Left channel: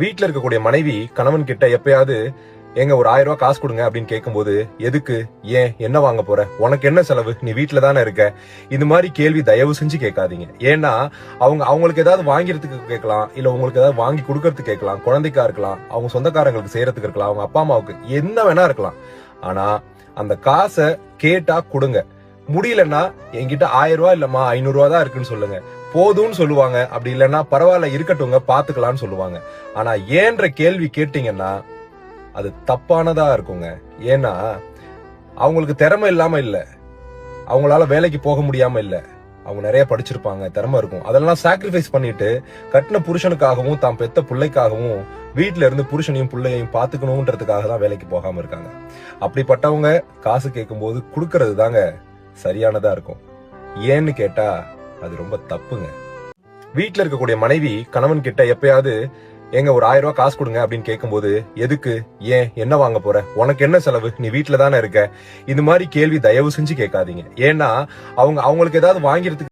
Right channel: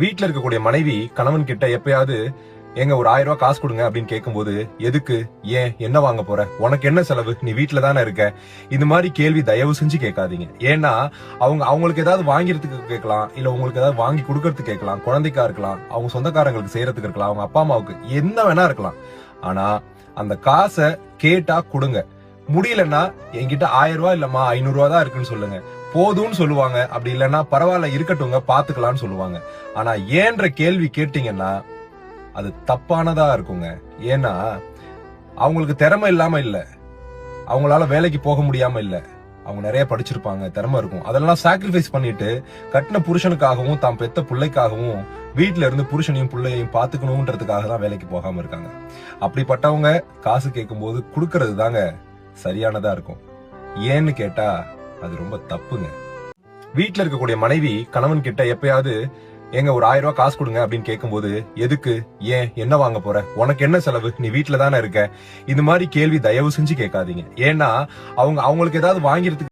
வீட்டுல இருக்கக்கூடிய மனைவி கணவன் கிட்ட எப்பயாவது எங்க ஒரு 1000 ரூபாய் காசு கொடுங்க அப்படின்னு கேட்கும்போது, எதுக்கு, ஏன், என்ன வாங்க போற, உனக்கு என்ன செலவு, நீ வீட்டுல தானே இருக்க, இது மாதிரி கேள்வி தயவு செஞ்சு கேட்காதீங்க. ஏன்னா அவங்களுக்கு ஏதாவது வாங்கிறதுக்கு கேட்கலாம், இல்ல உங்களுக்கு ஏதாவது வாங்கி கொடுக்கறதுக்கு கேட்கலாம், குழந்தைக்கா இருக்கலாம், அவங்க சொந்தக்காரங்களுக்கு செய்யறதுக்கு இருக்கலாம், அவங்க அப்பா அம்மாவுக்கு என்ன வேணா இருக்கலாம். ஆனா அந்த காசை கேட்டா கொடுங்க. முடியலன்னா என்கிட்ட 1000 ரூபாய் இல்லம்மா 500 ரூபாய் தான் இருக்குன்னு சொல்லுங்க, போதும்னு சொல்லுவாங்க. அப்படி இல்லைன்னா பரவாயில்ல இருக்கட்டும்ங்க பாத்துக்கலாம்னு சொல்லுவாங்க. ஆனா ஏன்ற கேள்வி கேட்டீங்கன்னா அது தப்பானதா இருக்குங்க. ஏன்னா அவங்களுக்கு திறமை இல்லாம இல்ல, அவங்களால வேலைக்கு போக முடியாம இல்ல, அவங்க நிறைய படிச்சிருப்பாங்க, திறமை இருக்கும். அதெல்லாம் சாக்ரிஃபைஸ் பண்ணிட்டு கட்டின புருஷனுக்காகவும் தான் பெத்த பிள்ளைக்காகவும் வீட்டுல இருந்து புருஷனையும் பிள்ளையையும் பாத்துக்கணும்ன்றதுக்காக தான் வேலைக்கு போகாம இருக்காங்க. அப்படிப்பட்டவங்க காசு கேட்கும் போது கொடுக்கறது தாங்க சரியானதா இருக்கும். ஏன்னு கேட்டா அது ரொம்ப தப்புங்க. வீட்டுல இருக்கக்கூடிய மனைவி கணவன் கிட்ட எப்பயாவது எங்க ஒரு 1000 ரூபாய் காசு கொடுங்க அப்படின்னு கேட்கும்போது, எதுக்கு, ஏன், என்ன வாங்க போற, உனக்கு என்ன செலவு, நீ வீட்டுல தானே இருக்க, இது மாதிரி கேள்வி தயவு செஞ்சு கேட்காதீங்க. ஏன்னா அவங்களுக்கு ஏதாவது வாங்கிறதுக்கு